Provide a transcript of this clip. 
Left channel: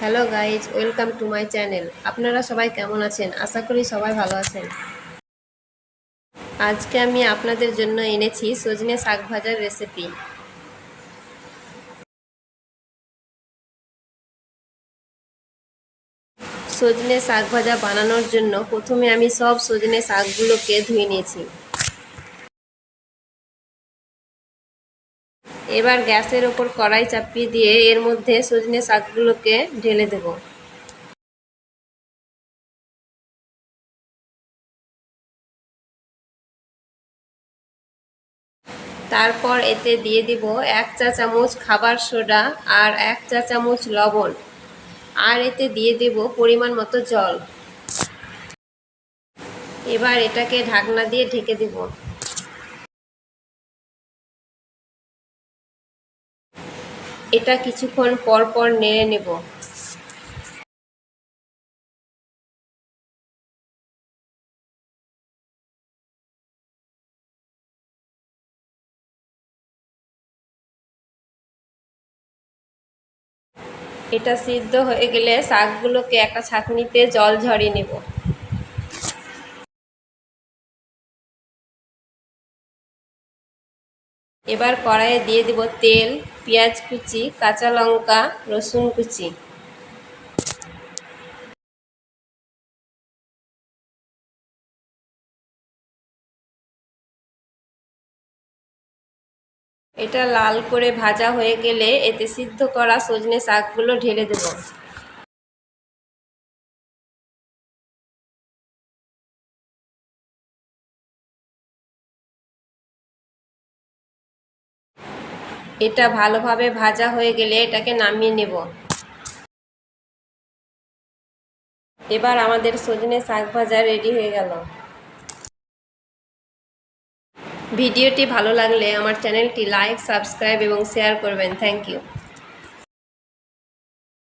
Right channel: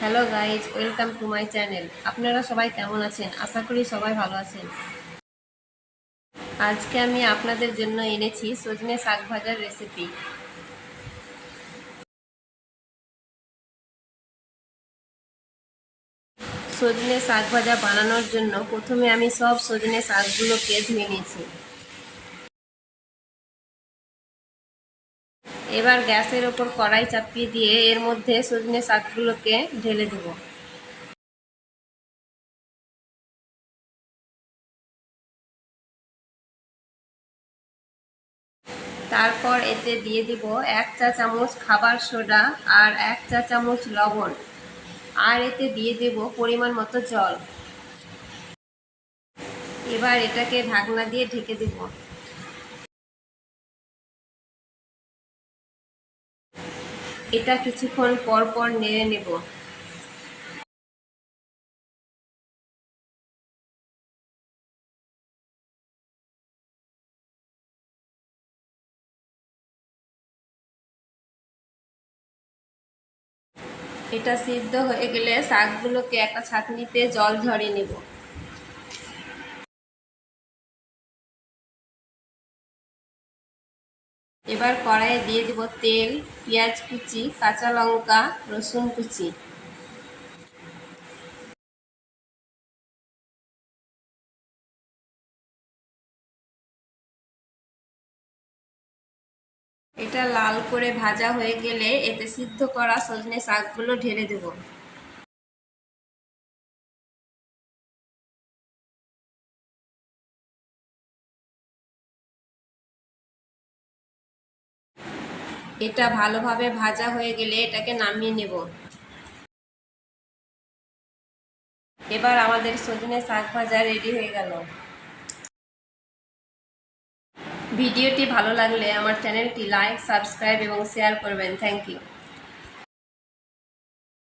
Hello guys, welcome to my channel. আপনারা সবাই কেমন আছেন? আশা করি সবাই ভালো আছেন। আজকে আমি আপনাদের জন্য এনেছি সজনে শাক ভাজার রেসিপি। সজনে শাক ভাজা বানানোর জন্য প্রথমে আমি সব সজনে শাকগুলোকে ধুয়ে নিয়েছি। এবার গ্যাসের ওপর কড়াই চাপিয়ে দিয়ে এর মধ্যে সজনে শাকগুলোকে ঢেলে দেব। তারপর এতে দিয়ে দিব 1 চা চামচ খাবার সোডা আর 1 চা চামচ লবণ, আর এতে দিয়ে দেব পরিমাণ মতো জল। এবার এটাকে ঢাকনা দিয়ে ঢেকে দেব। এটা কিছুক্ষণ পর পর নেড়ে নেব। এটা সিদ্ধ হয়ে গেলে শাকগুলোকে একটা ছাঁকনিতে জল ঝরিয়ে নেব। এবার কড়াইয়ে দিয়ে দেব তেল, পেঁয়াজ কুচি, কাঁচা লঙ্কা, রসুন কুচি। এটা লাল করে ভাজা হয়ে গেলে এতে সিদ্ধ করা সজনে শাকগুলো ঢেলে দেব। এটা ভালোভাবে ভাজা হয়ে গেলে এটাকে নামিয়ে নেব। এবার আমাদের সজনে শাক ভাজা রেডি হয়ে গেল। ভিডিওটি ভালো লাগলে আমার চ্যানেলটি লাইক, সাবস্ক্রাইব এবং শেয়ার করবেন। Thank you.